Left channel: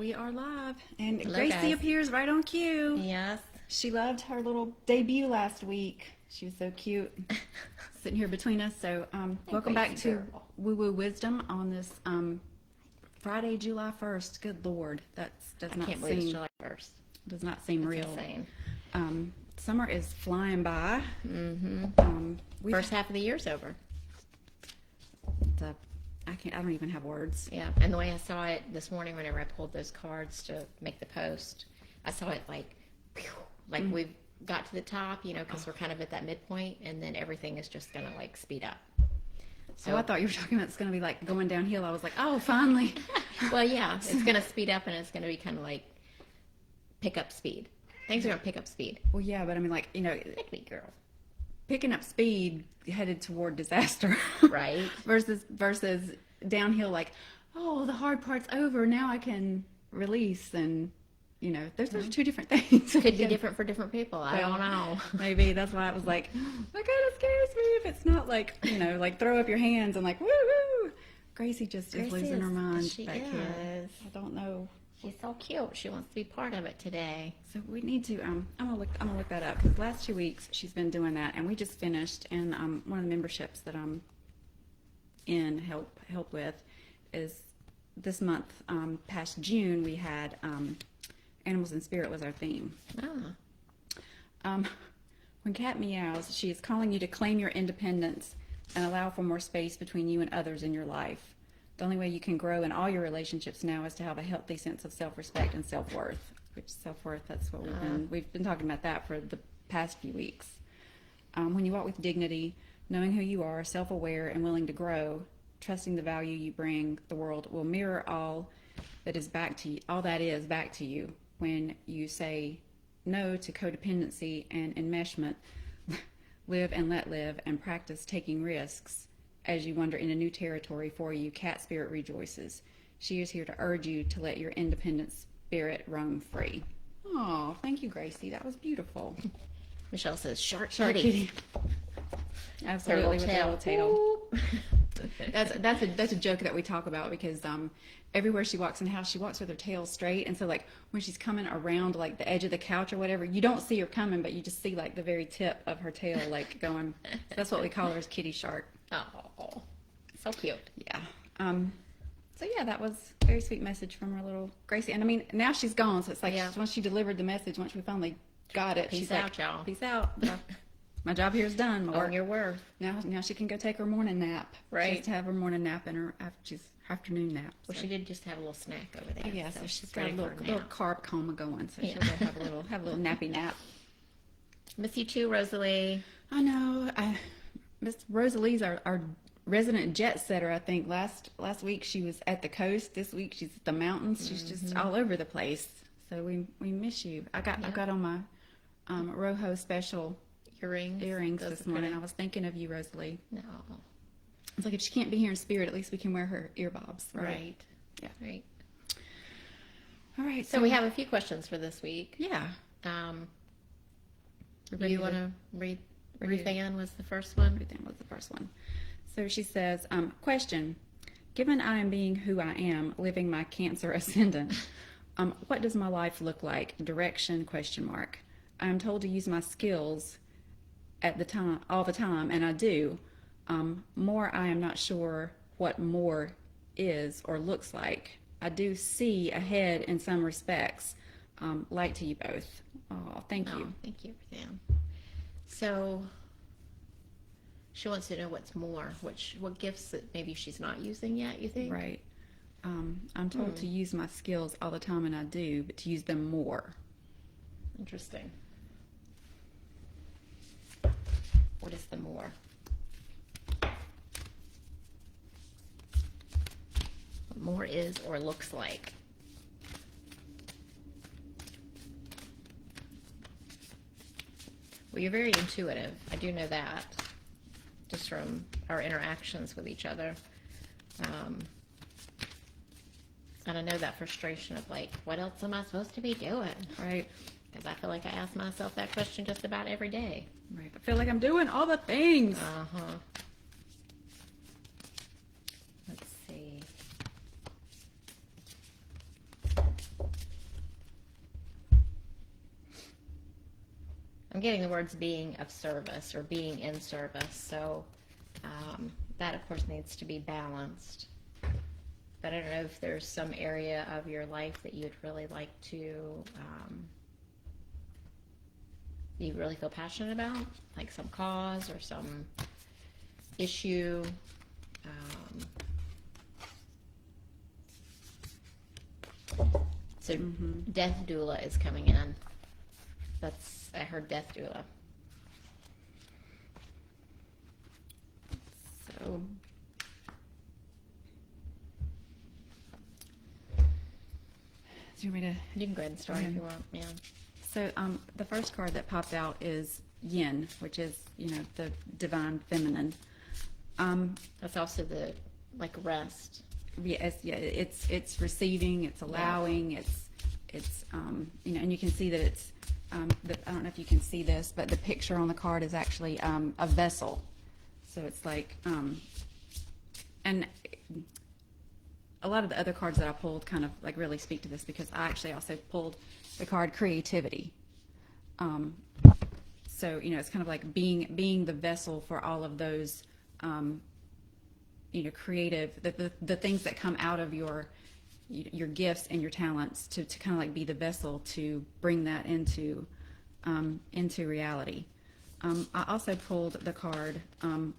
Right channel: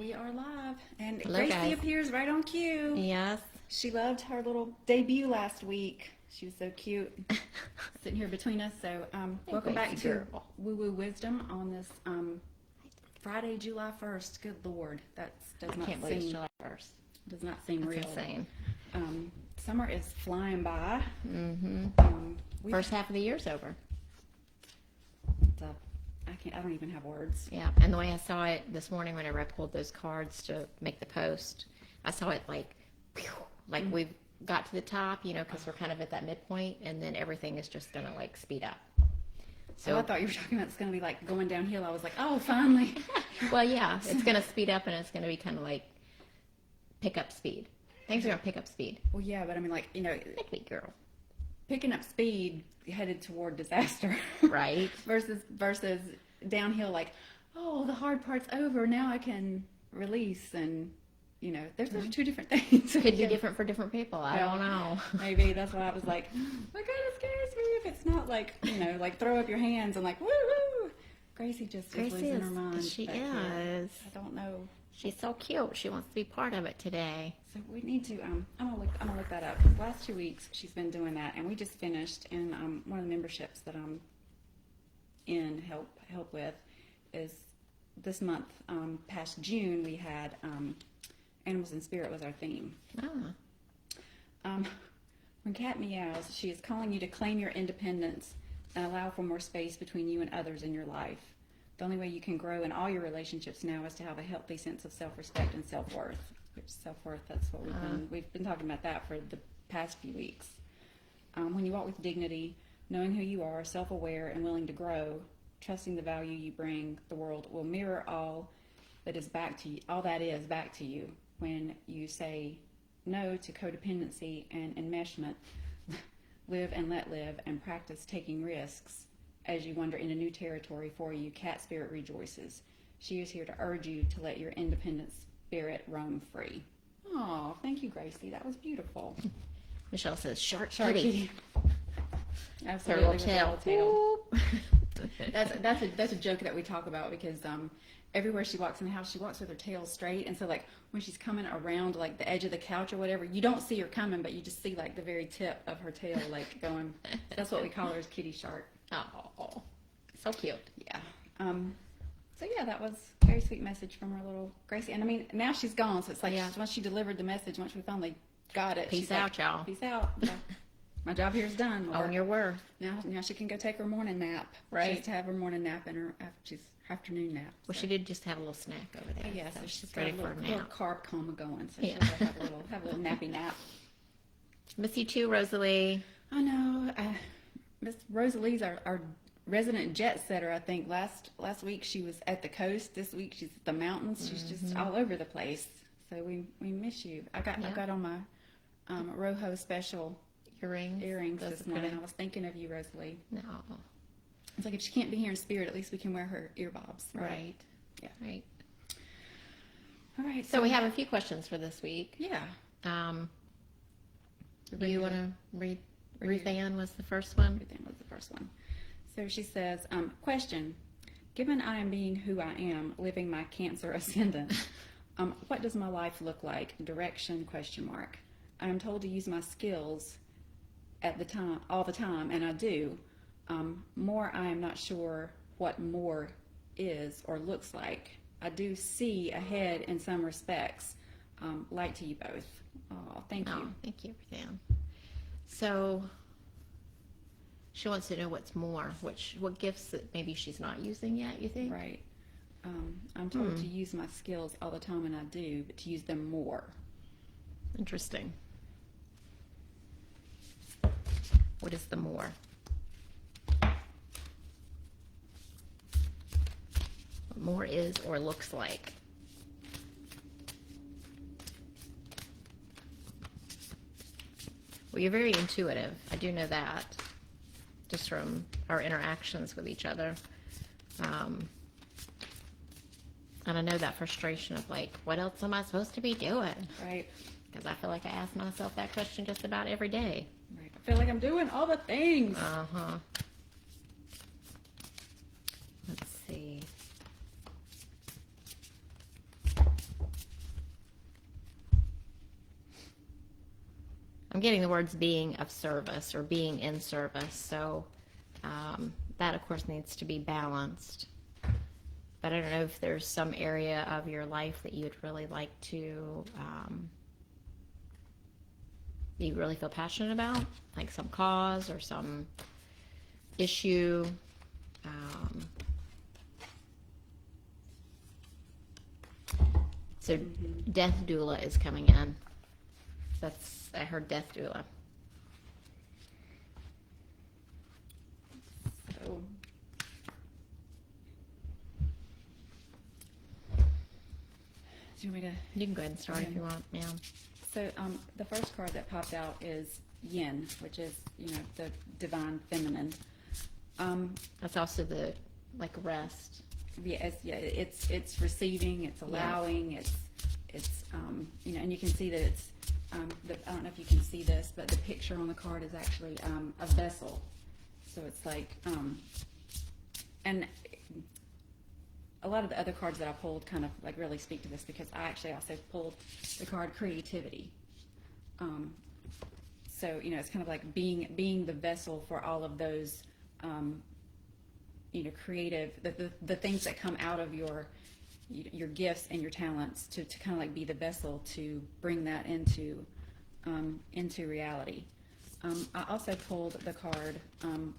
We are live, and Hello, Gracie guys. appears right on cue. Yes. She loved her little debut last week. She was so cute, sitting here between us. So, welcome back to Woo Woo Wisdom on this Friday, July 1st. Good Lord, I can't believe it's July 1st. Does not seem real. Insane. Summer is flying by. Mm-hmm. First half of the year's over. I don't even have words. Yeah, and the way I saw it this morning whenever I pulled those cards to make the post, I saw it like we got to the top, because we're kind of at that midpoint, and then everything is just going to like speed up. So I thought you were talking about it's going to be like going downhill. I was like, oh, finally. Well, yeah, it's going to speed up, and it's going to be kind of like pick up speed. Things are going to pick up speed. Well, yeah, but I mean, like, Pick me, girl. Picking up speed headed toward disaster. Right. versus downhill, like, oh, the hard part's over. Now I can release, and there's two different things. Could be different for different people. I don't know. Maybe that's why I was like, that kind of scares me if it's not like like throw up your hands and like woo. Gracie just is losing her mind. She is. I don't know. She's so cute. She wants to be part of it today. So we need to. I'm gonna look that up because last 2 weeks she's been doing that, and we just finished. And one of the memberships that I'm in help with is this month. Past June we had animals and spirit was our theme. When Cat meows, she is calling you to claim your independence and allow for more space between you and others in your life. The only way you can grow in all your relationships now is to have a healthy sense of self-respect and self-worth. Which self-worth, that's what we've been talking about that for the past few weeks. When you walk with dignity, knowing who you are, self-aware, and willing to grow, trusting the value you bring, the world will mirror all that is back to you. When you say no to codependency and enmeshment, live and let live, and practice taking risks. As you wander into new territory for you, Cat Spirit rejoices. She is here to urge you to let your independent spirit roam free. Oh, thank you, Gracie. That was beautiful. Michelle says, shark kitty. Absolutely. Her little tail. That's a joke that we talk about because everywhere she walks in the house, she walks with her tail straight. And so, like, when she's coming around, like, the edge of the couch or whatever, you don't see her coming, but you just see, like, the very tip of her tail, like, going. That's what we call her, is Kitty Shark. Oh, so cute. Yeah. So yeah, that was a very sweet message from our little Gracie. And I mean, now she's gone, so it's like once she delivered the message, once we finally got it. Peace out, y'all. Peace out. Yeah. My job here is done. Lord. On your word. Now she can go take her morning nap. Right. She needs to have her morning nap and her afternoon nap. Well, she did just have a little snack over there. Yeah, so she's got ready a little carb coma going. So yeah. she'll have a little nappy nap. Miss you too, Rosalie. I know. Miss Rosalie's our resident jet setter. I think last week she was at the coast. This week she's at the mountains. She's just all over the place. So we miss you. I've got on my Rojo special earrings this morning. I was thinking of you, Rosalie. No. It's like if she can't be here in spirit, at least we can wear her earbobs. Right. Yeah. Right. All right. So we have a few questions for this week. Yeah. Do you want to read? Ruthanne was the first one. Ruthanne was the first one. So she says, question, given I am being who I am, living my Cancer ascendant, what does my life look like? Direction, ? I am told to use my skills all the time, and I do. More, I am not sure what more is or looks like. I do see ahead in some respects. Light to you both. Oh, thank you. Thank you, Ruthanne. So she wants to know what's more, what gifts that maybe she's not using yet, you think? Right. I'm told to use my skills all the time, and I do, but to use them more. Interesting. What is the more? What more is or looks like? Well, you're very intuitive. I do know that, just from our interactions with each other. And I know that frustration of like, what else am I supposed to be doing? Right. Because I feel like I ask myself that question just about every day. Right. I feel like I'm doing all the things. Uh-huh. Let's see. I'm getting the words being of service or being in service. So that, of course, needs to be balanced. But I don't know if there's some area of your life that you'd really like to, you really feel passionate about, like some cause or some issue. So death doula is coming in. That's her death doula. So, do you want me to? You can go ahead and start if you want. Yeah. So the first card that popped out is Yin, which is, the divine feminine. That's also the rest. Yes, yeah, it's receiving, it's allowing, it's and you can see that it's I don't know if you can see this, but the picture on the card is actually a vessel. So it's like and a lot of the other cards that I pulled kind of like really speak to this, because I actually also pulled the card creativity. So it's kind of like being the vessel for all of those creative, the things that come out of your gifts and your talents to kind of like be the vessel to bring that into reality. I also pulled the card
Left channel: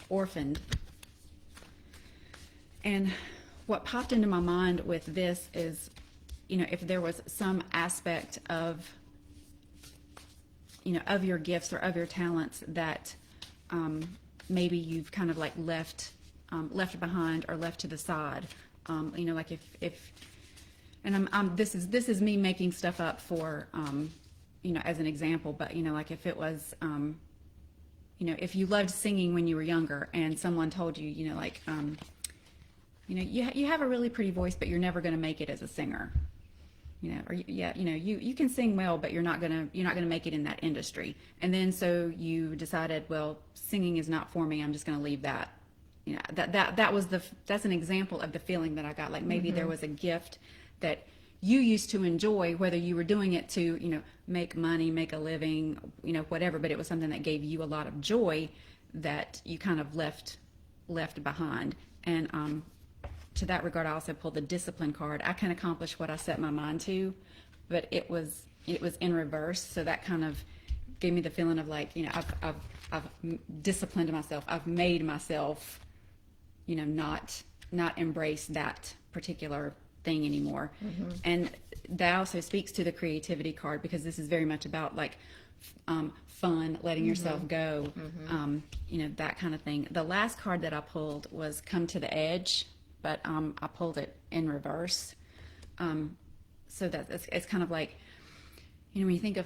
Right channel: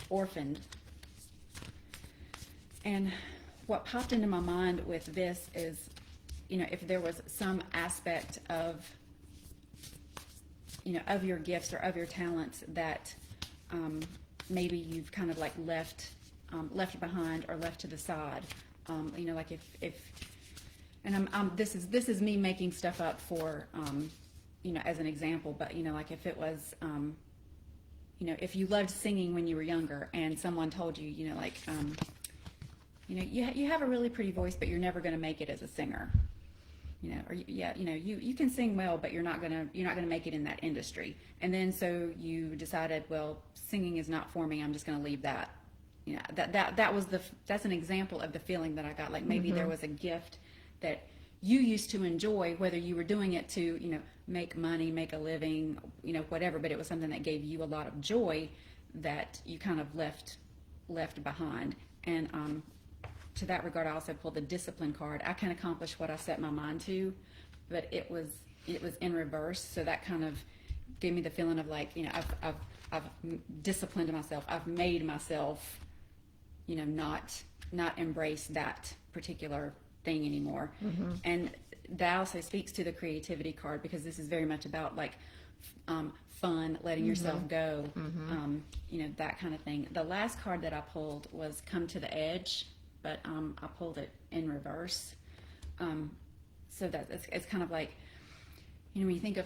Orphaned, and what popped into my mind with this is, if there was some aspect of your gifts or of your talents that maybe you've kind of like left behind or left to the side. Like if and this is me making stuff up for as an example, but like if it was if you loved singing when you were younger and someone told you you have a really pretty voice, but you're never going to make it as a singer. You can sing well, but you're not gonna make it in that industry. And then so you decided, well, singing is not for me. I'm just gonna leave that. That's an example of the feeling that I got. Like maybe there was a gift that you used to enjoy, whether you were doing it to make money, make a living, whatever. But it was something that gave you a lot of joy that you kind of left behind. And to that regard, I also pulled the discipline card. I can accomplish what I set my mind to, but it was in reverse. So that kind of gave me the feeling of like, I've disciplined myself. I've made myself, not embrace that particular thing anymore. And that also speaks to the creativity card, because this is very much about like fun, letting yourself go, that kind of thing. The last card that I pulled was Come to the Edge, but I pulled it in reverse. So that it's kind of like, when you think of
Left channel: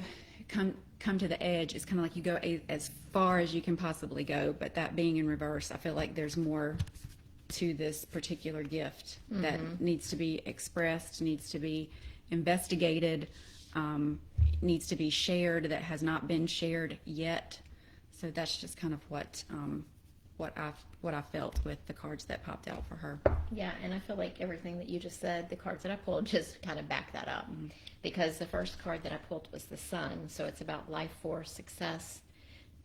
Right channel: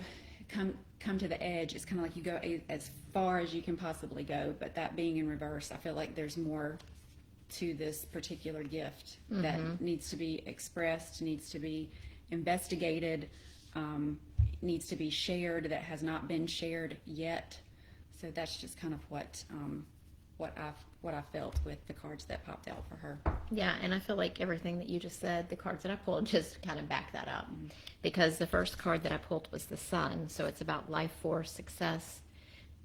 come to the edge, it's kind of like you go as far as you can possibly go, but that being in reverse, I feel like there's more to this particular gift that needs to be expressed, needs to be investigated, needs to be shared, that has not been shared yet. So that's just kind of what I felt with the cards that popped out for her. Yeah, and I feel like everything that you just said, the cards that I pulled just kind of back that up. Because the first card that I pulled was the Sun, so it's about life force, success,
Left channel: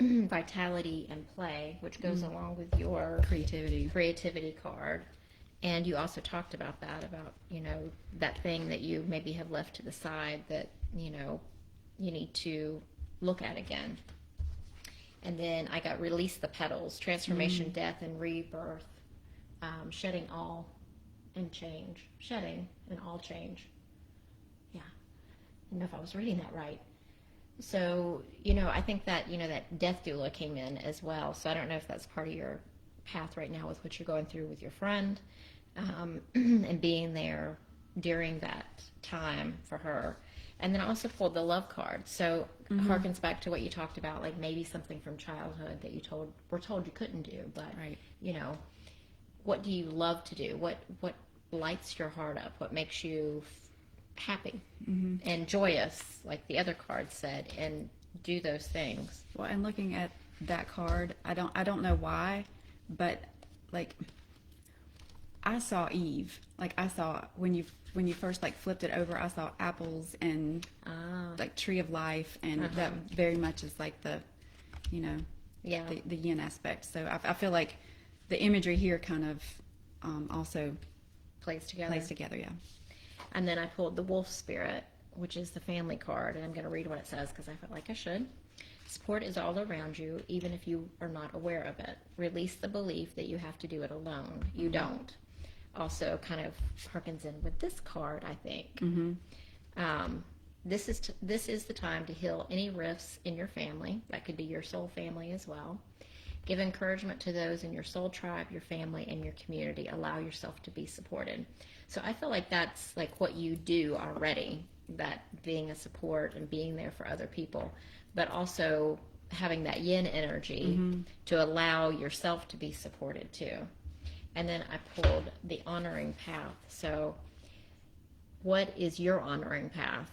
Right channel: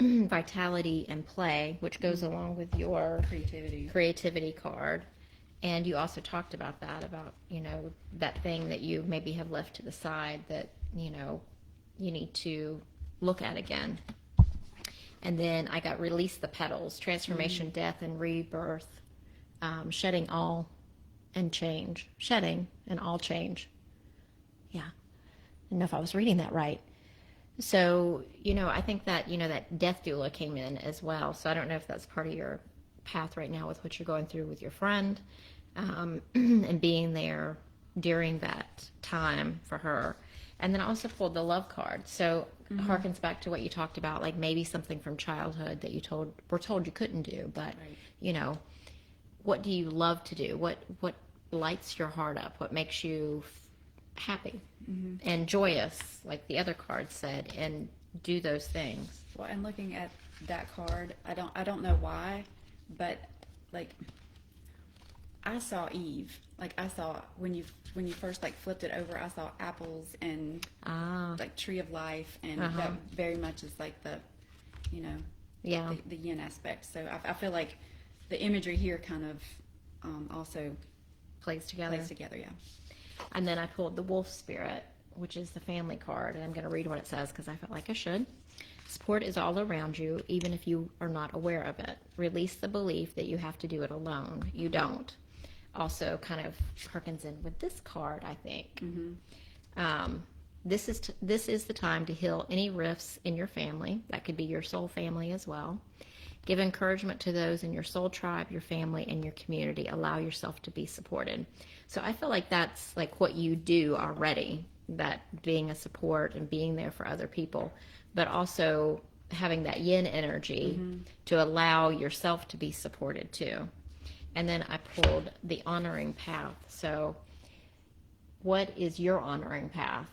vitality, and play, which goes along with your creativity card. And you also talked about that, about, that thing that you maybe have left to the side that, you need to look at again. And then I got Release the Petals, Transformation, Death, and Rebirth, Shedding All and Change. Shedding and All Change. Yeah. I don't know if I was reading that right. So, I think that, that death doula came in as well. So I don't know if that's part of your path right now with what you're going through with your friend, and being there during that time for her. And then I also pulled the Love card. So it harkens back to what you talked about, like maybe something from childhood that you were told you couldn't do. But, what do you love to do? What lights your heart up? What makes you happy and joyous, like the other card said, and do those things? Well, and looking at that card, I don't know why, but like I saw Eve. Like I saw when you first like flipped it over, I saw apples and like tree of life, and that very much is like the, you know, the yin aspect. So I feel like the imagery here kind of also plays together. Yeah. And then I pulled the wolf spirit, which is the family card, and I'm going to read what it says because I felt like I should. Support is all around you, even if you are not aware of it. Release the belief that you have to do it alone. You don't. Also kind of harkens in with this card, I think. This is the time to heal any rifts in your family. That could be your soul family as well. Give encouragement to those in your soul tribe, your family, and your community. Allow yourself to be supported. So I feel like that's like what you do already, that being a support and being there for other people, but also having that yin energy to allow yourself to be supported too. And then I pulled the honoring path. So what is your honoring path?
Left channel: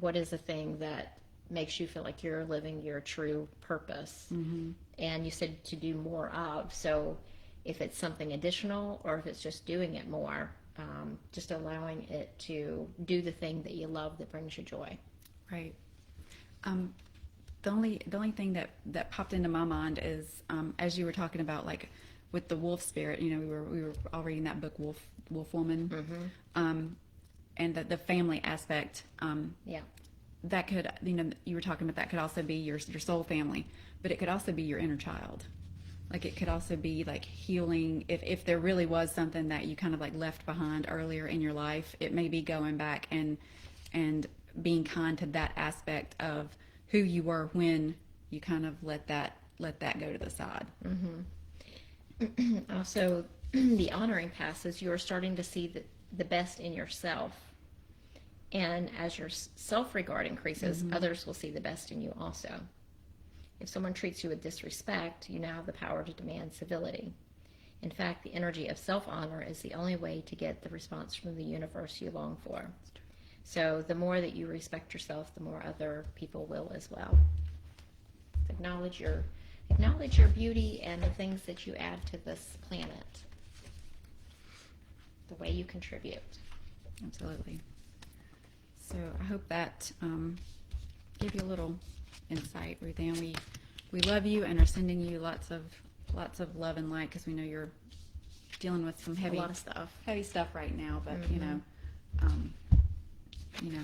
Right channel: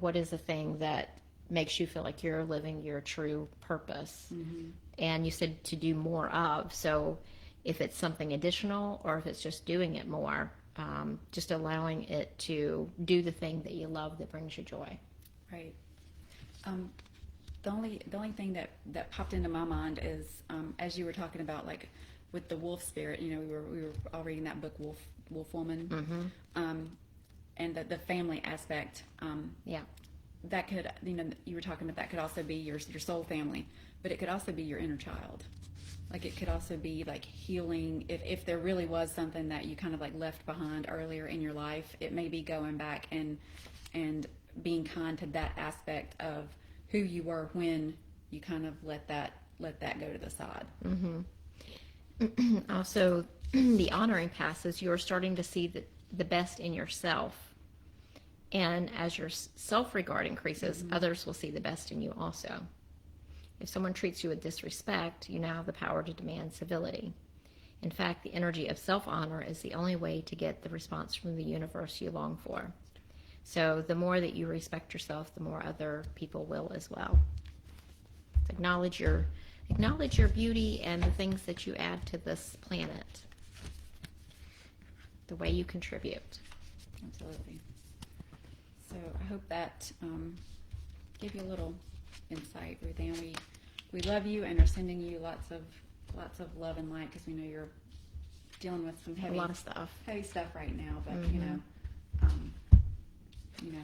What is the thing that makes you feel like you're living your true purpose? And you said to do more of. So if it's something additional or if it's just doing it more, just allowing it to do the thing that you love that brings you joy. Right. The only thing that popped into my mind is as you were talking about like with the wolf spirit, you know, we were all reading that book Wolf Woman, and the family aspect. That could, you know, you were talking about that could also be your soul family, but it could also be your inner child. Like it could also be like healing. If there really was something that you kind of like left behind earlier in your life, it may be going back and being kind to that aspect of who you were when you kind of let that go to the side. Also, the honoring path is you're starting to see the best in yourself. And as your self-regard increases, others will see the best in you also. If someone treats you with disrespect, you now have the power to demand civility. In fact, the energy of self-honor is the only way to get the response from the universe you long for. So the more that you respect yourself, the more other people will as well. Acknowledge your beauty and the things that you add to this planet, the way you contribute. Absolutely. So I hope that gave you a little insight, Ruthanne. We love you and are sending you lots of love and light because we know you're dealing with some heavy stuff right now. But you know,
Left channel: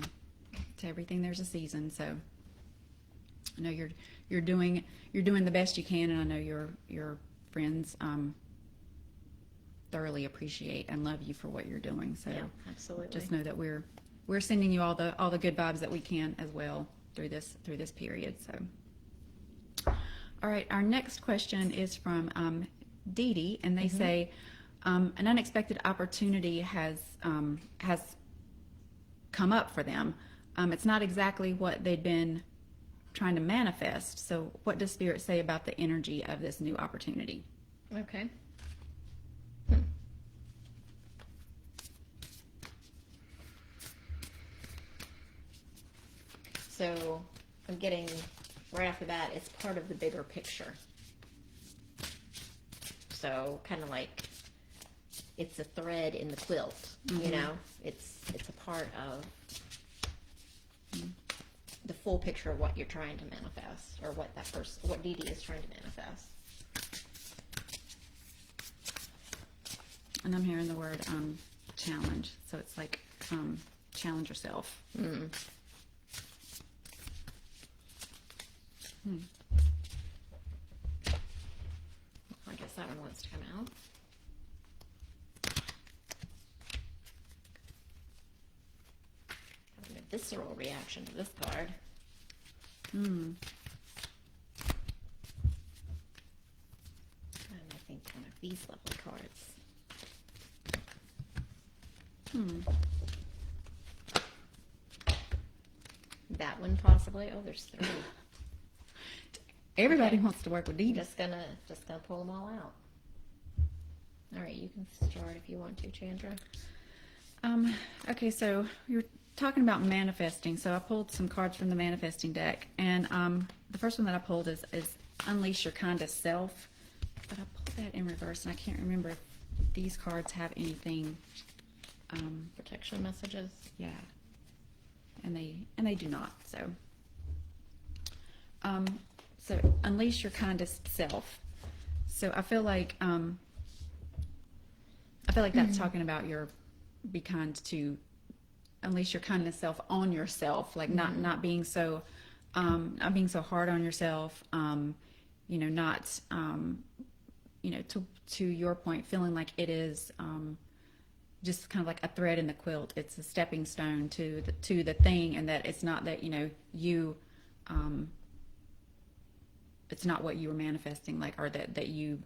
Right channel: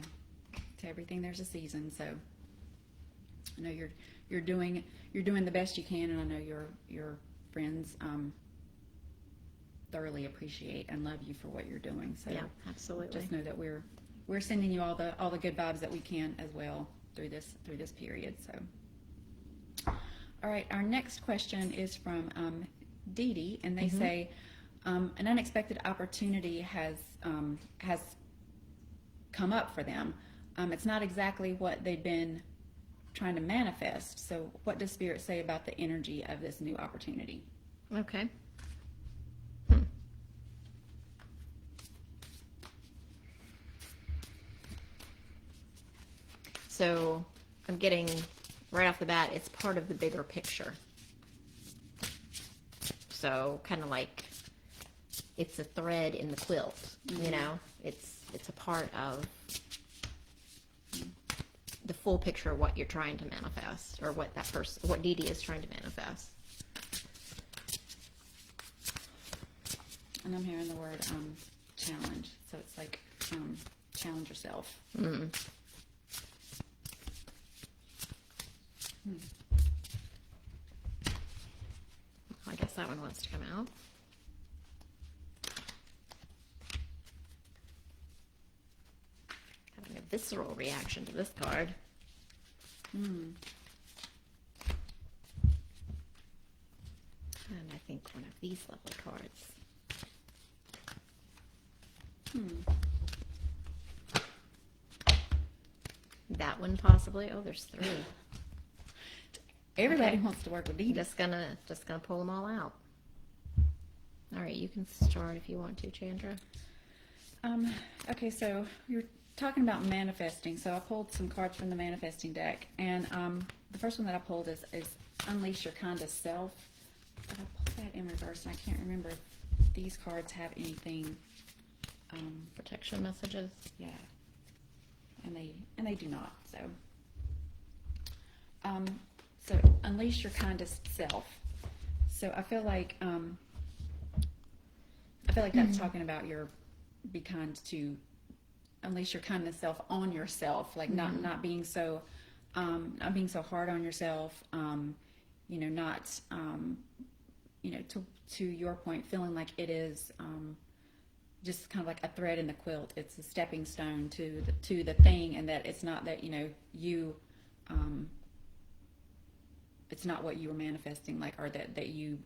to everything there's a season. So I know you're doing the best you can, and I know your friends thoroughly appreciate and love you for what you're doing. So yeah, absolutely. Just know that we're sending you all the good vibes that we can as well through this period. So, all right, our next question is from Dee Dee, and they say an unexpected opportunity has come up for them. It's not exactly what they'd been trying to manifest. So, what does Spirit say about the energy of this new opportunity? Okay. So I'm getting, right off the bat, it's part of the bigger picture. So kind of like it's a thread in the quilt, you know? It's a part of the full picture of what you're trying to manifest, or what what Dee Dee is trying to manifest. And I'm hearing the word challenge. So it's like challenge yourself. I guess that one wants to come out. Having a visceral reaction to this card. And I think one of these lovely cards. That one possibly. Oh, there's 3. Everybody wants to work with Dee Dee. Just gonna pull them all out. All right, you can start if you want to, Chandra. Okay, so you're talking about manifesting. So I pulled some cards from the manifesting deck, and the first one that I pulled is Unleash Your Kindest Self. But I pulled that in reverse, and I can't remember these cards have anything. Protection messages. Yeah, and they do not. So unleash your kindest self. So I feel like that's talking about be kind to unleash your kindness self on yourself, like not being so hard on yourself. Not to your point, feeling like it is just kind of like a thread in the quilt. It's a stepping stone to the thing, and that it's not that you it's not what you were manifesting, like, or that you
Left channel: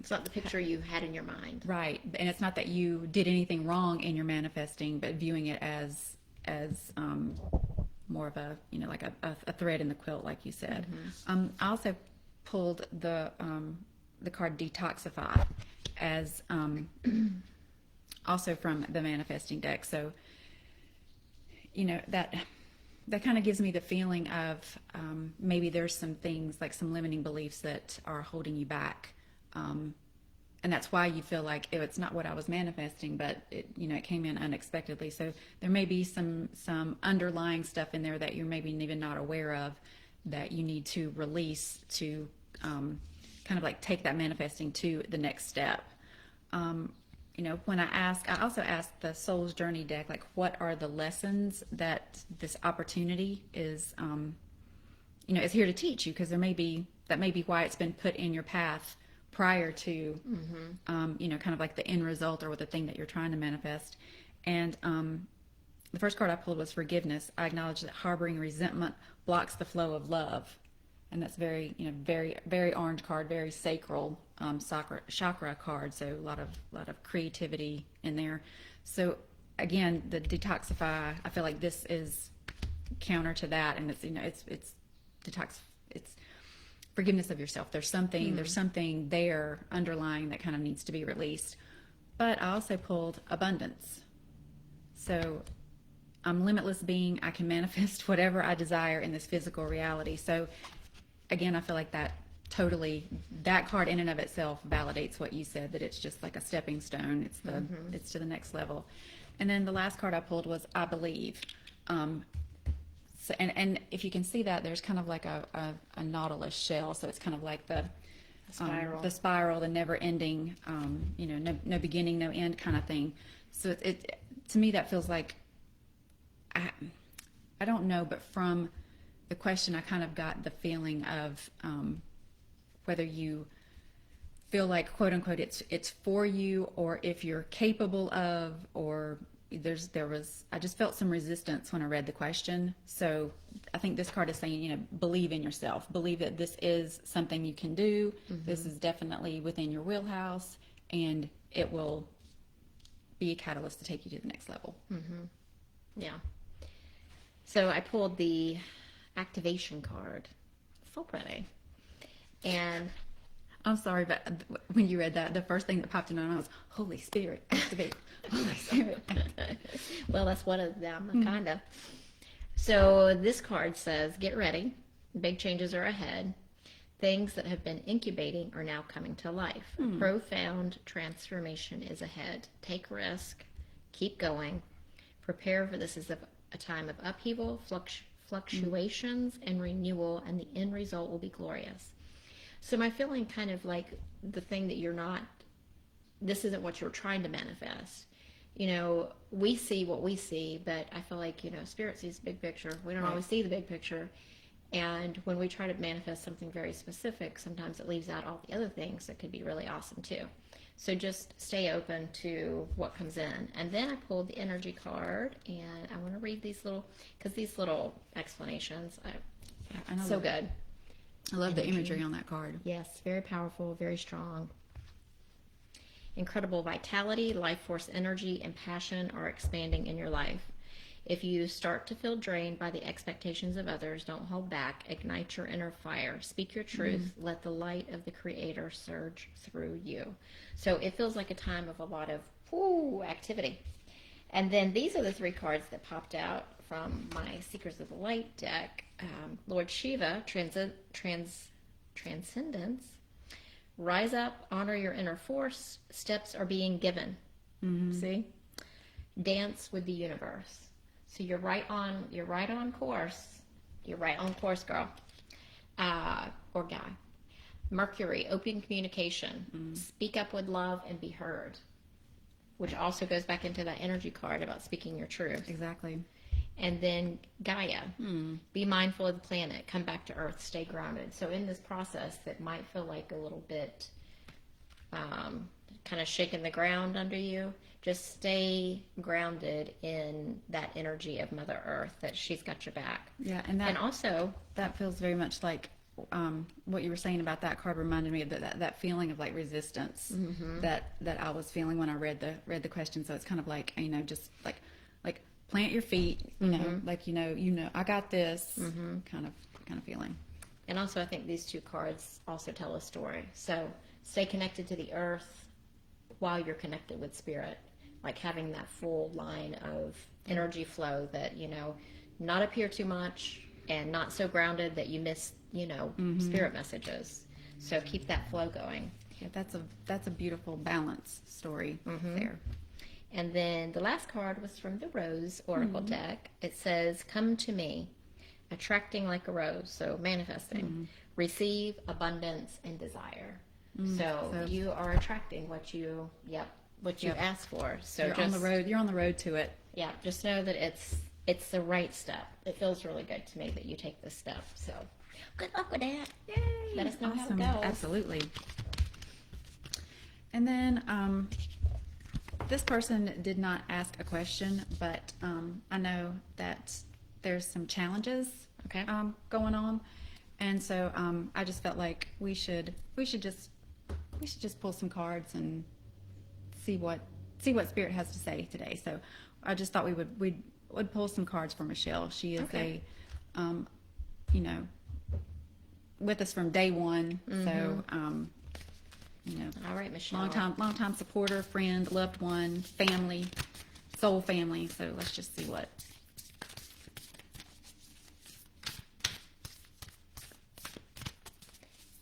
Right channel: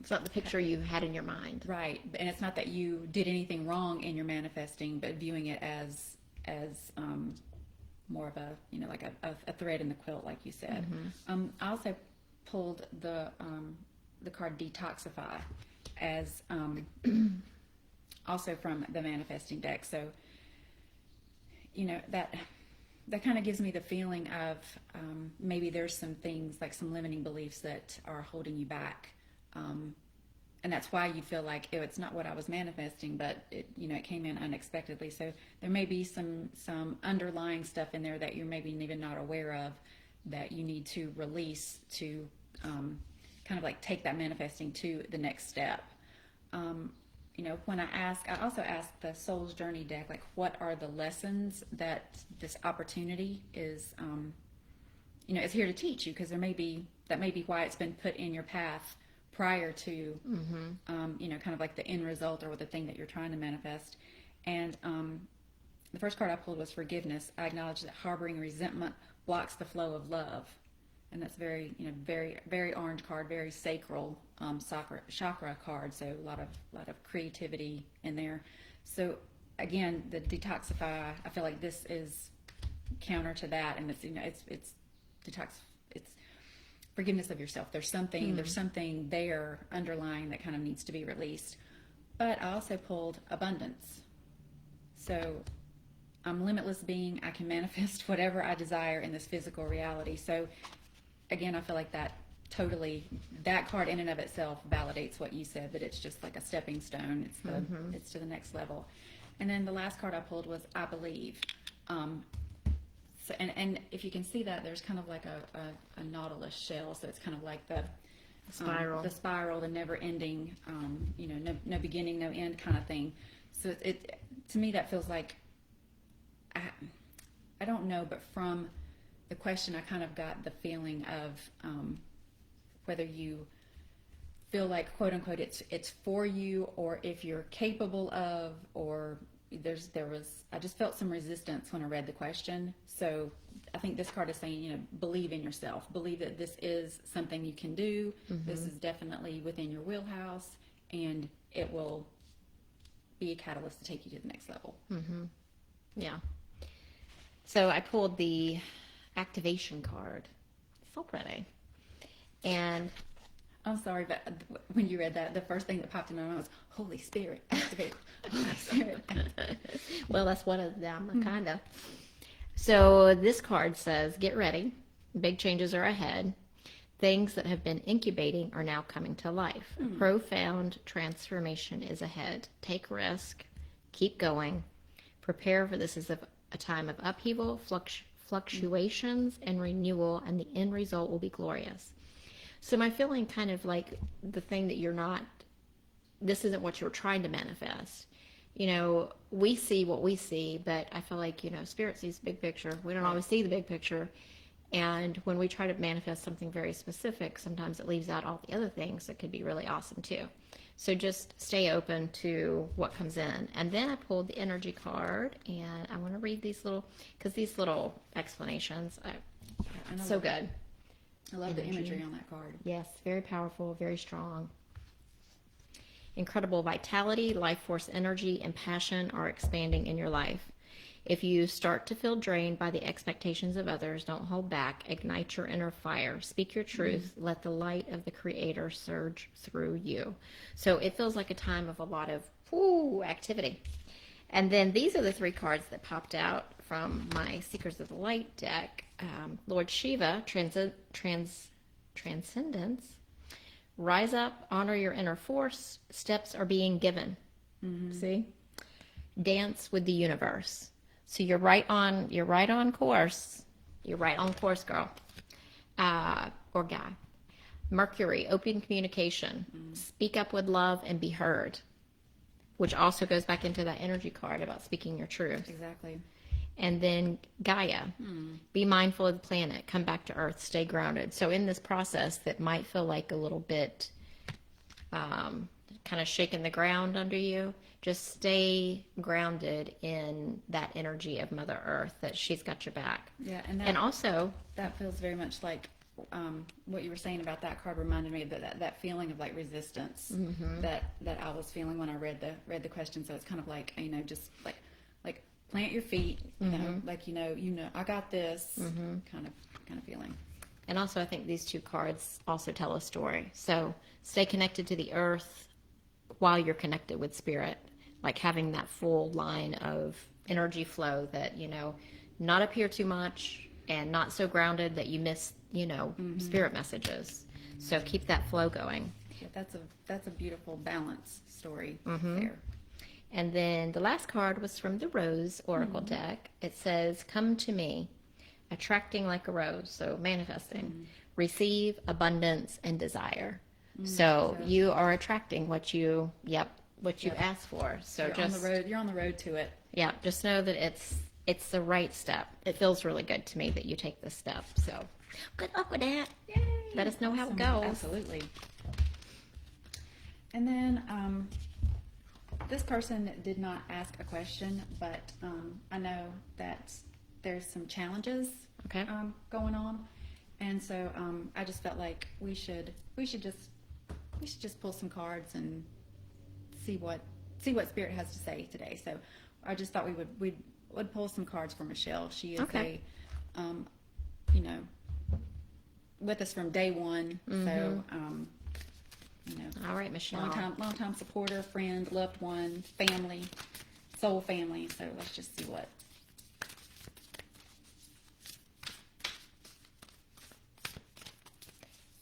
it's not the picture you had in your mind, right? And it's not that you did anything wrong in your manifesting, but viewing it as more of a like a thread in the quilt, like you said. I also pulled the card Detoxify as also from the manifesting deck. So that kind of gives me the feeling of maybe there's some things, like some limiting beliefs that are holding you back, and that's why you feel like it's not what I was manifesting, but it came in unexpectedly. So there may be some underlying stuff in there that you're maybe even not aware of, that you need to release to kind of like take that manifesting to the next step. When I also ask the Soul's Journey deck, like, what are the lessons that this opportunity is here to teach you? Because that may be why it's been put in your path prior to, kind of like the end result or with the thing that you're trying to manifest. And the first card I pulled was Forgiveness. I acknowledge that harboring resentment blocks the flow of love. And that's very, very, very orange card, very sacral chakra card. So a lot of creativity in there. So again, the Detoxify, I feel like this is counter to that, and it's detox. It's forgiveness of yourself. There's something there underlying that kind of needs to be released. But I also pulled Abundance. So I'm limitless being. I can manifest whatever I desire in this physical reality. So again, I feel like that card in and of itself validates what you said, that it's just like a stepping stone. It's to the next level. And then the last card I pulled was I Believe. So, and if you can see that, there's kind of like a nautilus shell. So it's kind of like the spiral, the never ending, no beginning, no end kind of thing. So to me, that feels like, I don't know, but from the question, I kind of got the feeling of whether you feel like, quote unquote, it's for you, or if you're capable of, or I just felt some resistance when I read the question. So I think this card is saying, believe in yourself, believe that this is something you can do. This is definitely within your wheelhouse, and it will be a catalyst to take you to the next level. Yeah. So I pulled the activation card. So pretty. And I'm sorry, but when you read that, the first thing that popped in my mind was Holy Spirit, activate. Holy Spirit. Well, that's one of them, kind of. So this card says, get ready. Big changes are ahead. Things that have been incubating are now coming to life. A profound transformation is ahead. Take risk. Keep going. Prepare for this as a time of upheaval, fluctuations, and renewal, and the end result will be glorious. So my feeling kind of like the thing that this isn't what you're trying to manifest. We see what we see, but I feel like, Spirit sees the big picture. We don't always see the big picture. And when we try to manifest something very specific, sometimes it leaves out all the other things that could be really awesome too. So just stay open to what comes in. And then I pulled the energy card, and I want to read these little explanations are so good. I love the imagery on that card. Yes, very powerful, very strong. Incredible vitality, life force energy, and passion are expanding in your life. If you start to feel drained by the expectations of others, don't hold back. Ignite your inner fire. Speak your truth. Let the light of the Creator surge through you. So it feels like a time of a lot of activity. And then these are the three cards that popped out from my Seekers of the Light deck. Lord Shiva, Transcendence, Rise up, honor your inner force. Steps are being given. See? Dance with the universe. So you're right on course. You're right on course, girl. Or guy. Mercury, open communication. Speak up with love and be heard. Which also goes back into that energy card about speaking your truth. Exactly. And then Gaia, be mindful of the planet, come back to Earth, stay grounded. So in this process that might feel like a little bit kind of shaking the ground under you, just stay grounded in that energy of Mother Earth, that she's got your back. Yeah, and also that feels very much like what you were saying about that card reminded me of that feeling of like resistance that I was feeling when I read the question. So it's kind of like, just like plant your feet, you know, like I got this kind of feeling. And also, I think these two cards also tell a story. So stay connected to the earth while you're connected with spirit, like having that full line of energy flow that, not up here too much and not so grounded that you miss, spirit messages. So keep that flow going. Yeah, that's a beautiful balance story there. And then the last card was from the Rose Oracle deck. It says, come to me, attracting like a rose. So manifesting, receive abundance and desire. So you are attracting what you ask for. So you're on the road to it. Yeah. Just know that it's the right step. It feels really good to me that you take this step. So good luck with that. Yay. Let us know how it goes. Absolutely. And then, this person did not ask a question, but I know that there's some challenges going on, and so I just felt like we should just pull some cards and see what Spirit has to say today. So I just thought we would pull some cards for Michelle. She is with us from day one. So. All right, Michelle. Long time supporter, friend, loved one, family, soul family. So let's just see what.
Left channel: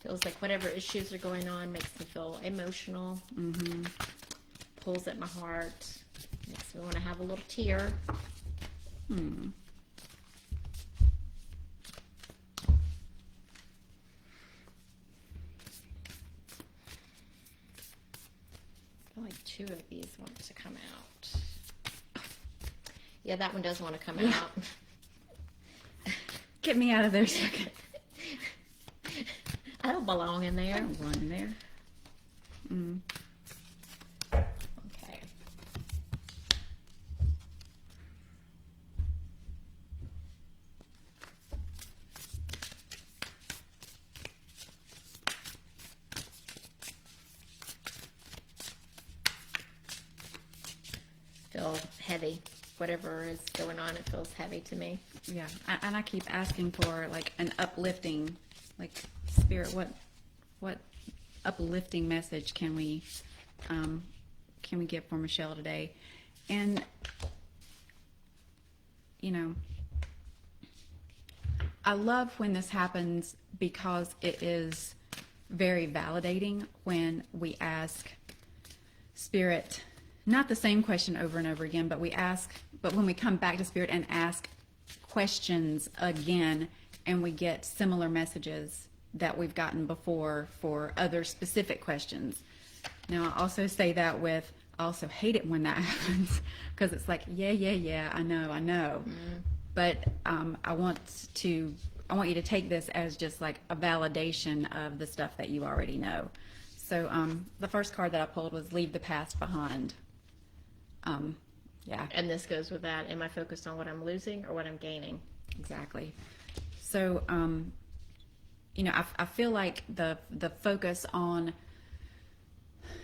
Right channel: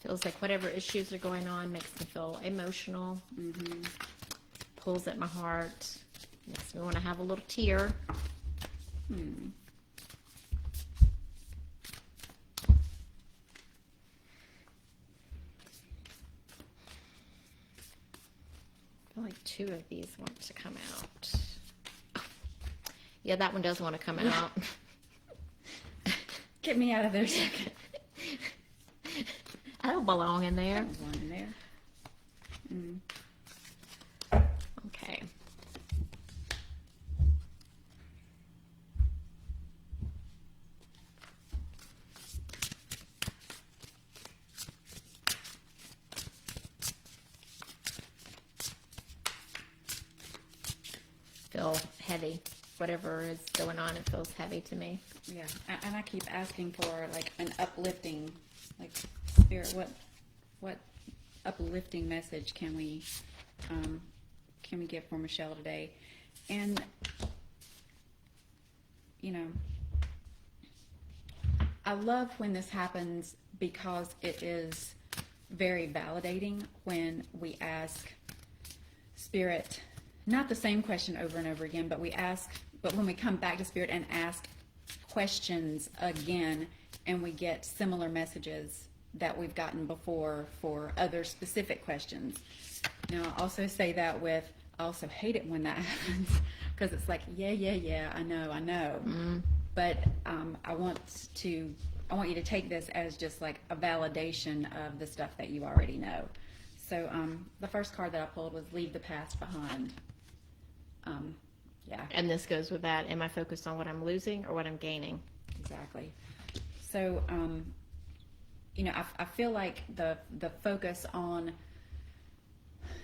Feels like whatever issues are going on makes me feel emotional. Pulls at my heart. Makes me want to have a little tear. I feel like two of these want to come out. Yeah, that one does want to come out. Get me out of there, second. I don't belong in there. I don't belong in there. Okay. Feel heavy. Whatever is going on, it feels heavy to me. Yeah, and I keep asking for like an uplifting, like Spirit. What uplifting message can we get for Michelle today? And I love when this happens because it is very validating when we ask Spirit. Not the same question over and over again, but when we come back to Spirit and ask questions again, and we get similar messages that we've gotten before for other specific questions. Now, I also say that I also hate it when that happens, because it's like, yeah, I know. But I want you to take this as just like a validation of the stuff that you already know. So the first card that I pulled was Leave the Past Behind. Yeah. And this goes with that. Am I focused on what I'm losing or what I'm gaining? Exactly. So, I feel like the focus on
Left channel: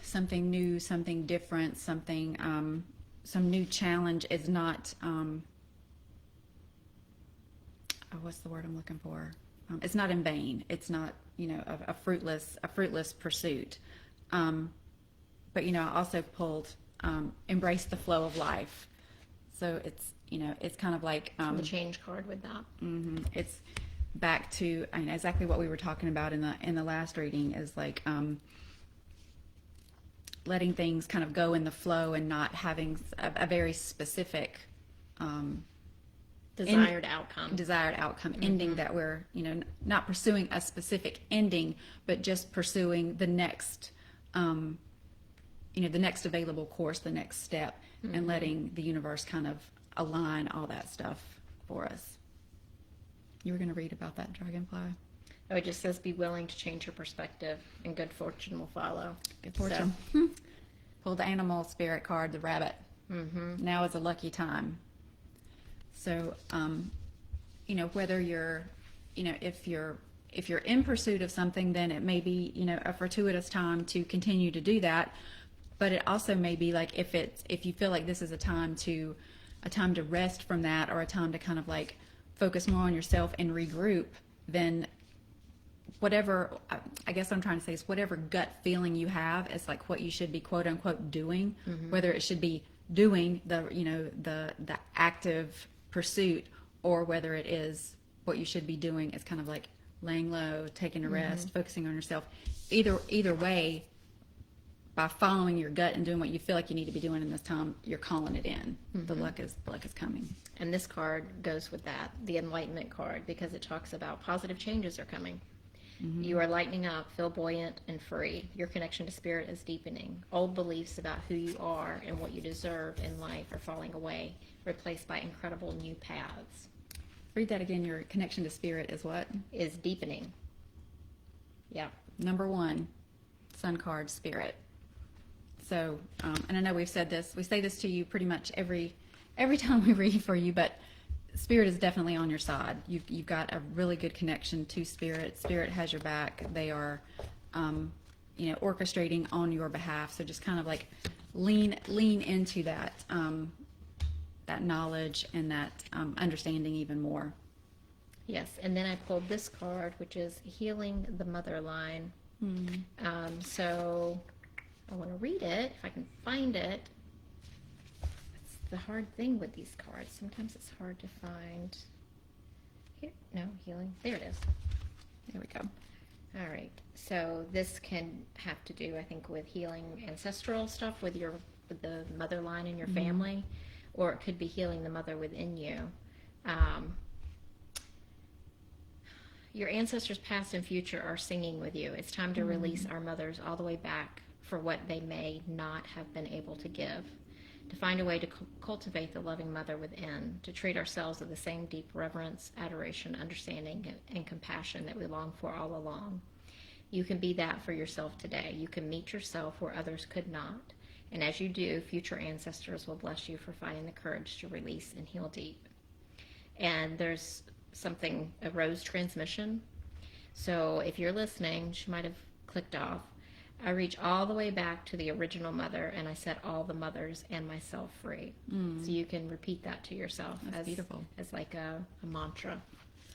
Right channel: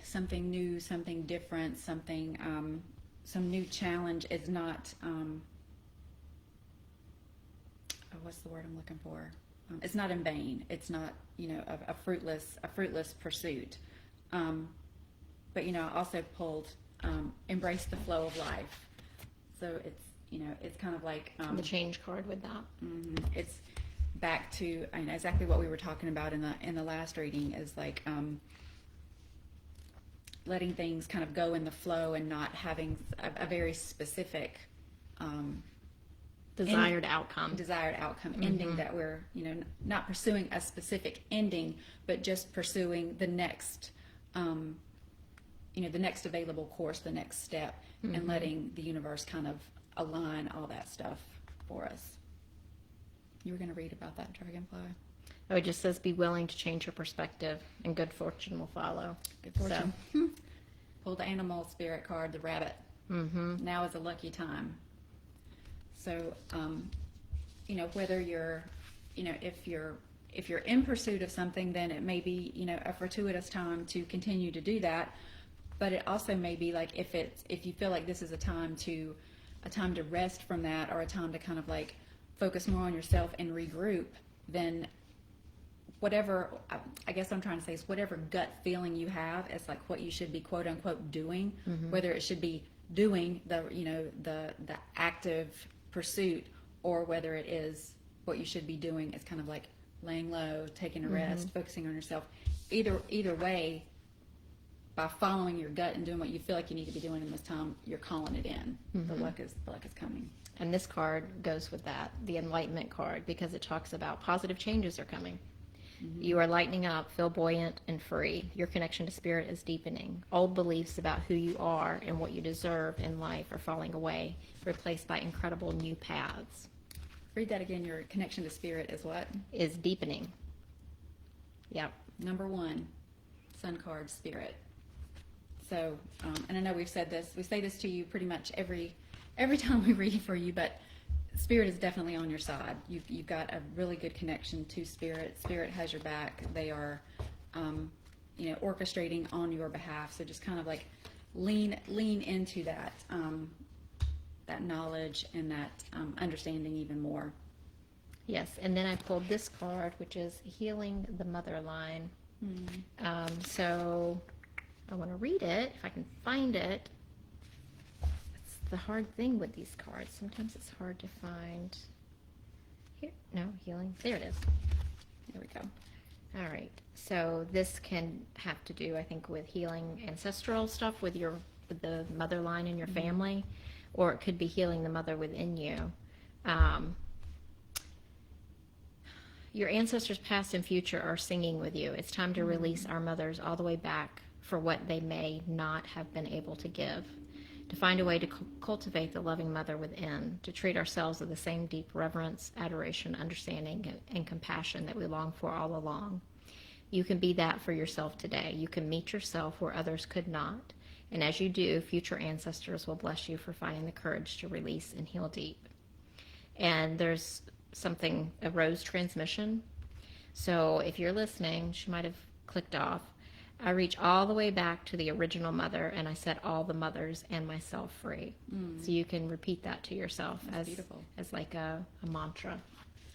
something new, something different, something, some new challenge is not, what's the word I'm looking for? It's not in vain. It's not, a fruitless pursuit. But, I also pulled, embrace the flow of life. So it's kind of like the change card with that. It's back to exactly what we were talking about in the last reading is like letting things kind of go in the flow and not having a very specific Desired outcome. ending that we're, not pursuing a specific ending, but just pursuing the next, the next available course, the next step, and letting the universe kind of align all that stuff for us. You were going to read about that dragonfly? Oh, it just says, be willing to change your perspective, and good fortune will follow. Good fortune. Pull the animal spirit card, the rabbit. Now is a lucky time. So, whether you're, if you're in pursuit of something, then it may be, a fortuitous time to continue to do that. But it also may be like if you feel like this is a time to rest from that, or a time to kind of like focus more on yourself and regroup, then whatever, I guess what I'm trying to say is whatever gut feeling you have is like what you should be quote unquote doing, whether it should be doing the active pursuit, or whether it is what you should be doing is kind of like laying low, taking a rest, focusing on yourself. Either way, by following your gut and doing what you feel like you need to be doing in this time, you're calling it in. The luck is coming. And this card goes with that, the Enlightenment card, because it talks about positive changes are coming. You are lightening up, feel buoyant and free. Your connection to spirit is deepening. Old beliefs about who you are and what you deserve in life are falling away, replaced by incredible new paths. Read that again. Your connection to spirit is what? Is deepening. Yep. Number 1, sun card, spirit. So, and I know we say this to you pretty much every time we read for you, but spirit is definitely on your side. You've got a really good connection to spirit. Spirit has your back. They are, orchestrating on your behalf. So just kind of like lean into that, that knowledge and that understanding even more. Yes, and then I pulled this card, which is healing the mother line. So I want to read it if I can find it. The hard thing with these cards, sometimes it's hard to find. Healing, there it is. There we go. All right, so this can have to do, I think, with healing ancestral stuff with the mother line in your family, or it could be healing the mother within you. Your ancestors past and future are singing with you. It's time to release our mothers all the way back for what they may not have been able to give. To find a way to cultivate the loving mother within, to treat ourselves with the same deep reverence, adoration, understanding, and compassion that we long for all along. You can be that for yourself today. You can meet yourself where others could not. And as you do, future ancestors will bless you for finding the courage to release and heal deep. And there's a rose transmission. So if you're listening, she might have clicked off. I reach all the way back to the original mother, and I set all the mothers and myself free. So you can repeat that to yourself. That's beautiful. As like a mantra.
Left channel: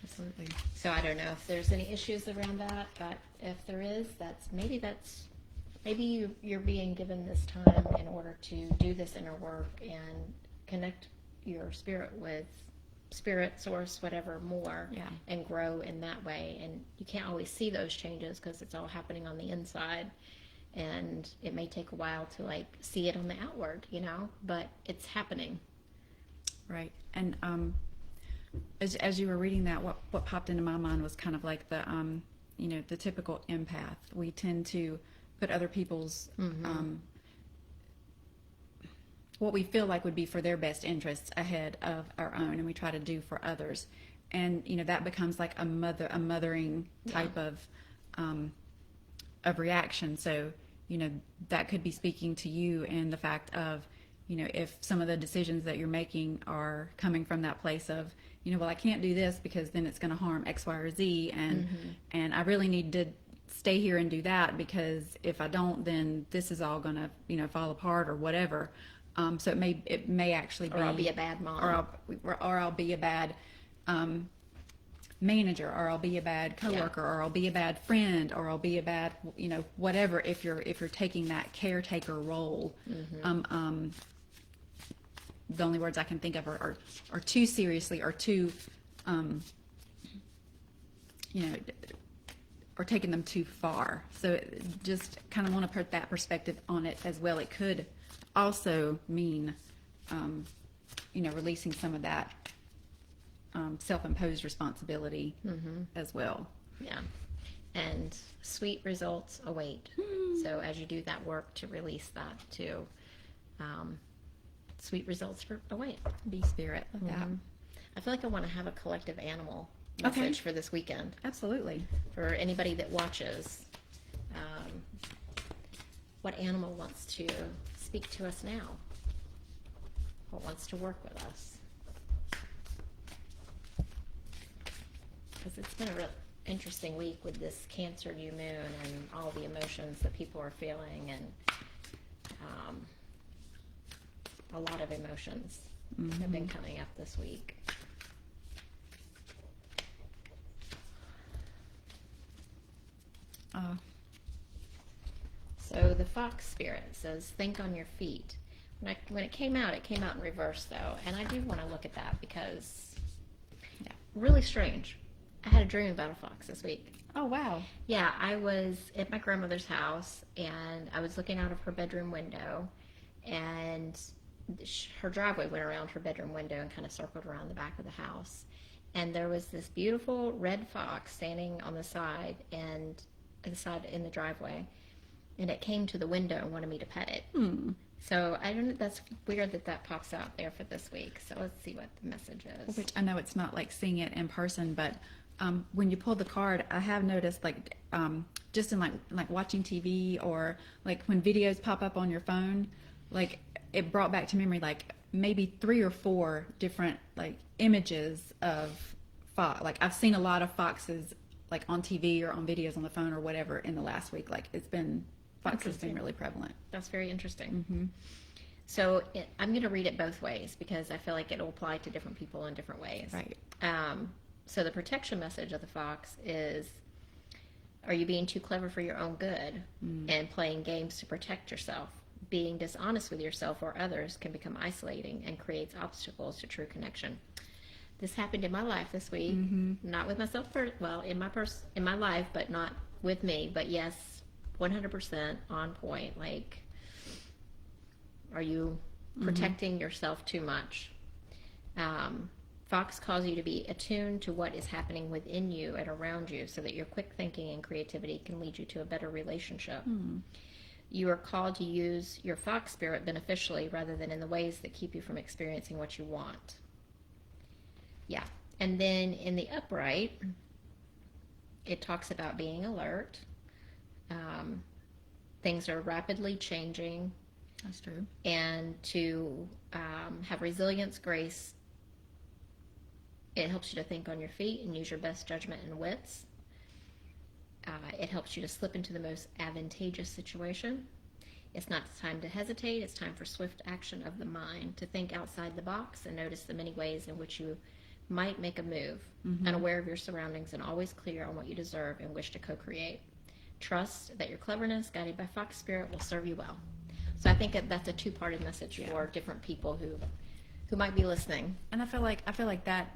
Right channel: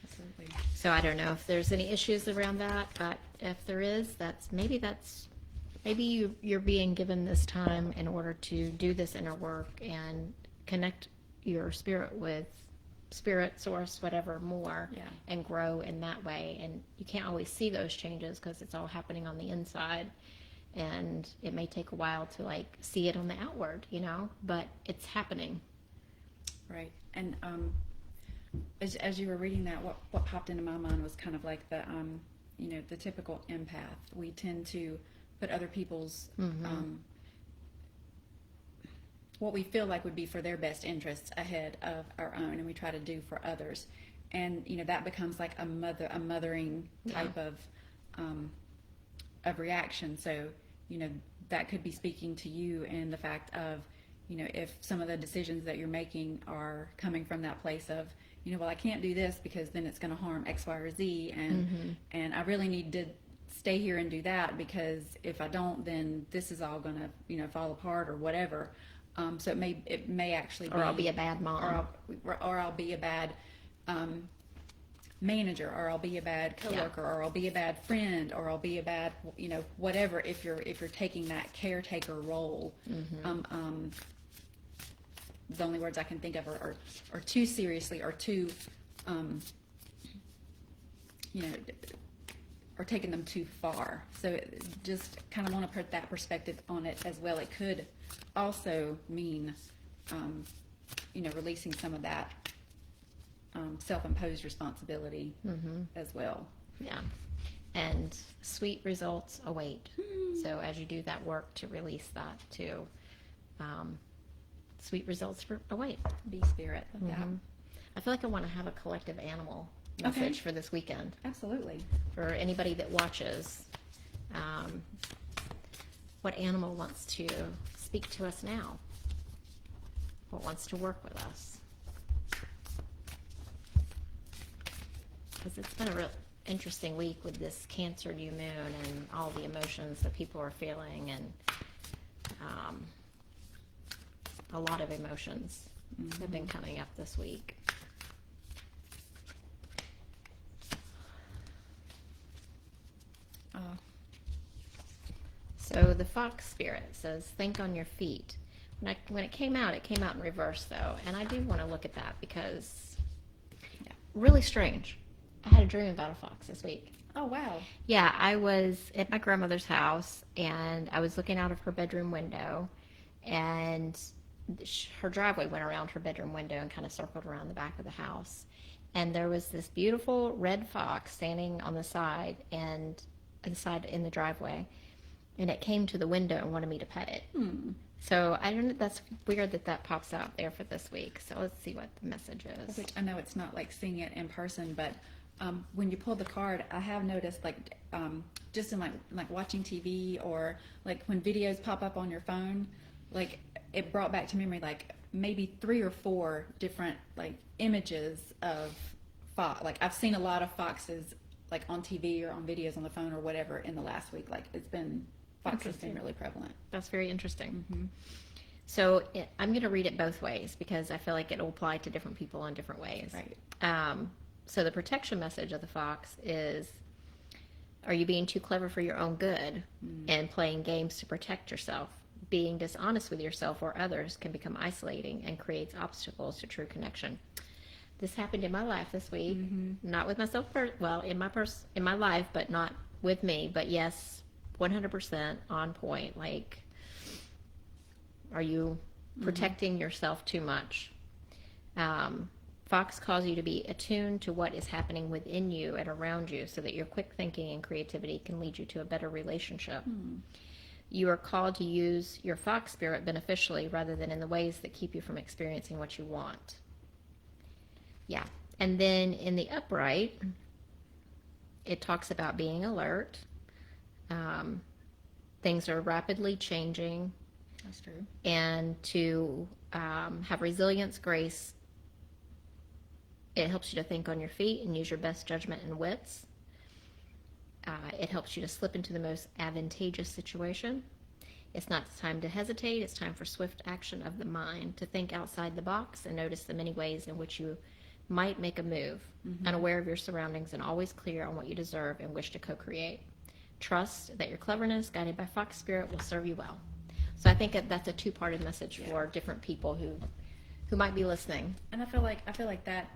Absolutely. So I don't know if there's any issues around that, but if there is, maybe you're being given this time in order to do this inner work and connect your spirit with spirit, source, whatever, more, and grow in that way. And you can't always see those changes because it's all happening on the inside, and it may take a while to like see it on the outward, but it's happening. Right. And as you were reading that, what popped into my mind was kind of like the typical empath. We tend to put other people's what we feel like would be for their best interests ahead of our own, and we try to do for others, and that becomes like a mothering type of reaction. So that could be speaking to you in the fact of if some of the decisions that you're making are coming from that place of well, I can't do this because then it's going to harm X, Y, or Z, and I really need to stay here and do that because if I don't, then this is all going to fall apart or whatever. So it may actually be, or I'll be a bad mom, or I'll be a bad manager, or I'll be a bad coworker, or I'll be a bad friend, or I'll be a bad whatever. If you're taking that caretaker role, the only words I can think of are too seriously, or too or taking them too far. So just kind of want to put that perspective on it as well. It could also mean, releasing some of that self-imposed responsibility as well. Yeah. And sweet results await. So as you do that work to release that too, sweet results await. Be spirit of that. I feel like I want to have a collective animal message for this weekend. Absolutely. For anybody that watches, what animal wants to speak to us now? What wants to work with us? Because it's been a real interesting week with this Cancer new moon and all the emotions that people are feeling, and a lot of emotions have been coming up this week. So the fox spirit says, think on your feet. When it came out in reverse though, and I do want to look at that because really strange. I had a dream about a fox this week. Oh, wow. Yeah, I was at my grandmother's house, and I was looking out of her bedroom window, and her driveway went around her bedroom window and kind of circled around the back of the house. And there was this beautiful red fox standing on the side and inside in the driveway, and it came to the window and wanted me to pet it. So I don't. That's weird that pops out there for this week. So let's see what the message is. Which I know it's not like seeing it in person, but when you pull the card, I have noticed just in like watching TV or like when videos pop up on your phone, like it brought back to memory like maybe 3 or 4 different like images of fox. Like I've seen a lot of foxes like on TV or on videos on the phone or whatever in the last week. Like fox has been really prevalent. That's very interesting. So I'm going to read it both ways because I feel like it will apply to different people in different ways. Right. So the protection message of the fox is, are you being too clever for your own good and playing games to protect yourself? Being dishonest with yourself or others can become isolating and creates obstacles to true connection. This happened in my life this week, not with myself, in my life, but not with me, but yes, 100% on point. Like, are you protecting yourself too much? Fox calls you to be attuned to what is happening within you and around you so that your quick thinking and creativity can lead you to a better relationship. You are called to use your fox spirit beneficially rather than in the ways that keep you from experiencing what you want. Yeah. And then in the upright, it talks about being alert. Things are rapidly changing. That's true. And to have resilience, grace. It helps you to think on your feet and use your best judgment and wits. It helps you to slip into the most advantageous situation. It's not time to hesitate. It's time for swift action of the mind, to think outside the box and notice the many ways in which you might make a move, unaware of your surroundings and always clear on what you deserve and wish to co-create. Trust that your cleverness, guided by fox spirit, will serve you well. So I think that's a two-parted message for different people who might be listening. And I feel like that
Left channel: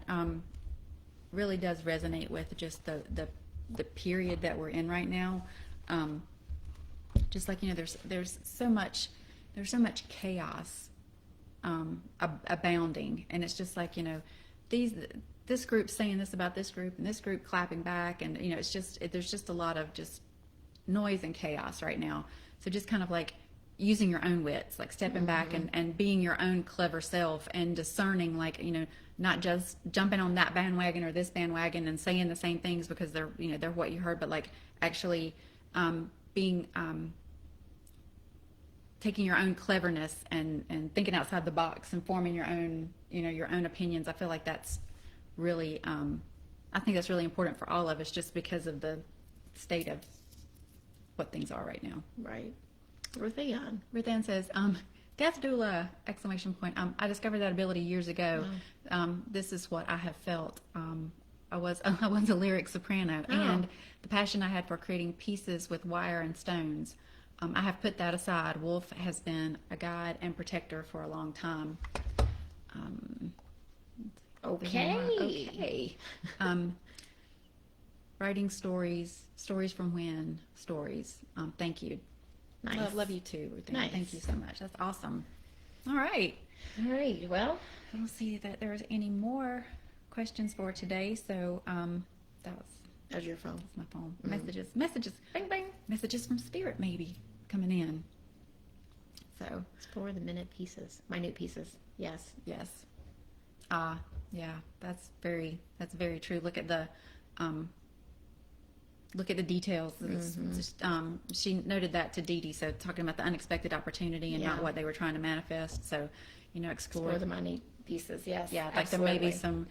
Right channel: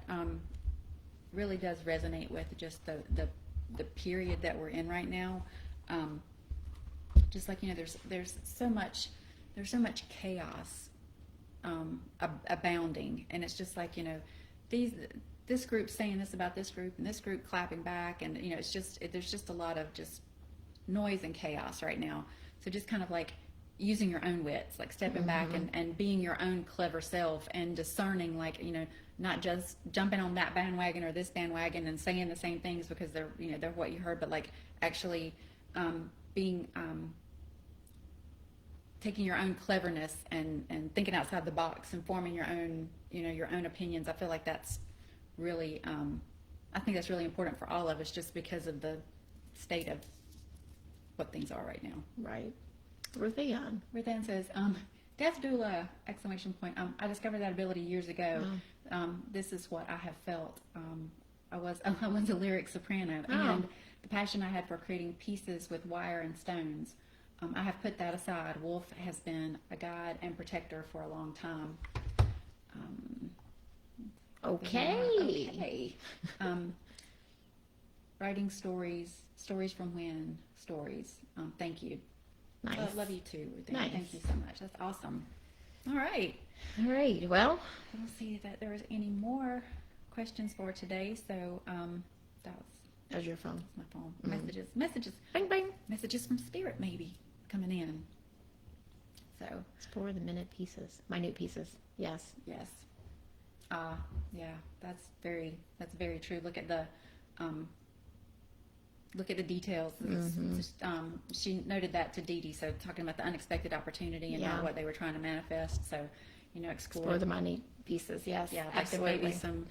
really does resonate with just the period that we're in right now. Just like, there's so much chaos abounding, and it's just like, this group saying this about this group and this group clapping back, and there's just a lot of just noise and chaos right now. So just kind of like using your own wits, like stepping back and being your own clever self and discerning, like, not just jumping on that bandwagon or this bandwagon and saying the same things because they're what you heard, but like actually being taking your own cleverness and thinking outside the box and forming your own your own opinions. I feel like that's really I think that's really important for all of us, just because of the state of what things are right now. Right. Ruthanne. Ruthanne says, death doula, exclamation point. I discovered that ability years ago. This is what I have felt. I was a lyric soprano, and the passion I had for creating pieces with wire and stones. I have put that aside. Wolf has been a guide and protector for a long time. Okay. writing stories from when stories. Thank you. Nice. Love you too. Ruthanne. Nice. Thank you so much. That's awesome. All right. All right. Well, I don't see that there's any more questions for today. So there's your phone. that's my phone. Messages. Bing, bing. Messages from Spirit maybe coming in. So It's for the minute pieces. Yes. yes. Yeah, that's very true. Look at the details. She noted that to Dee Dee, so talking about the unexpected opportunity and not what they were trying to manifest. So, explore For the minute pieces. Yes. yeah, like absolutely. there may be some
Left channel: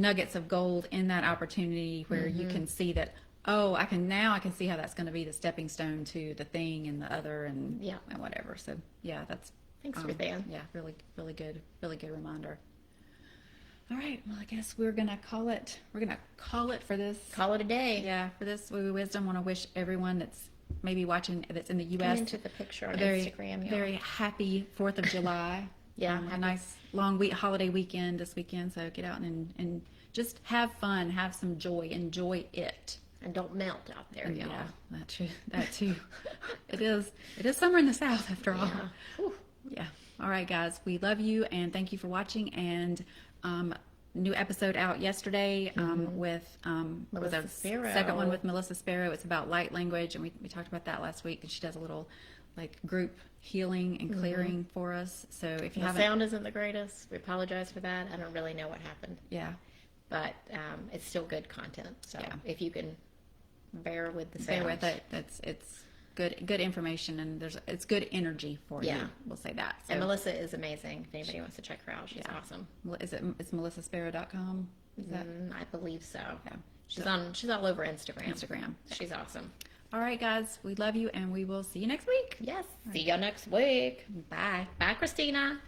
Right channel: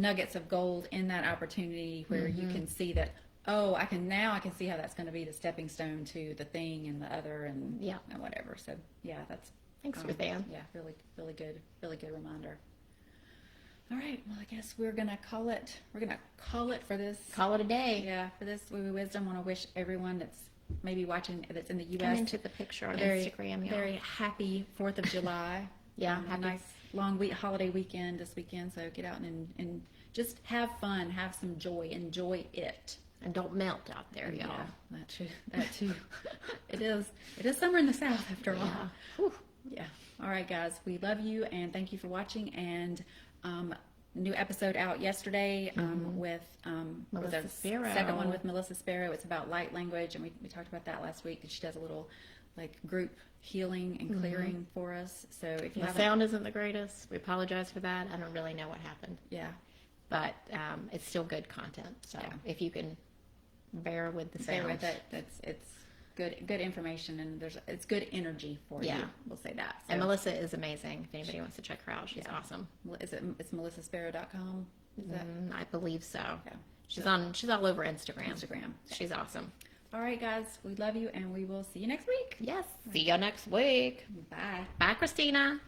nuggets of gold in that opportunity where you can see that. Oh, I can see how that's going to be the stepping stone to the thing and the other and whatever. So yeah, that's Thanks, Ruthanne. yeah, really good reminder. All right, well, I guess we're gonna call it. We're gonna call it for this. Call it a day. Yeah, for this Woo Woo Wisdom. Want to wish everyone that's maybe watching that's in the Come U.S. into the picture on very Instagram. very happy 4th of July. Yeah, a happy- nice long holiday weekend this weekend. So get out and just have fun, have some joy, enjoy it. And don't melt out there, y'all. Yeah, that too. It is summer in the South after all. Yeah. Whew. Yeah. All right, guys. We love you and thank you for watching. And new episode out yesterday with Melissa the Sparrow. second one with Melissa Sparrow. It's about light language, and we talked about that last week. And she does a little group healing and clearing for us. So if you The haven't, sound isn't the greatest. We apologize for that. I don't really know what happened, yeah, but it's still good content. So Yeah. if you can bear with the stay sound, with it. It's good information, and it's good energy for you. Yeah. We'll say that. So, and Melissa is amazing. If anybody wants to check her out, she's awesome. it's melissasparrow.com. Is that I believe so. Yeah. She's all over Instagram. Instagram? She's awesome. All right, guys. We love you, and we will see you next week. Yes. See you next week. Bye. Bye, Christina.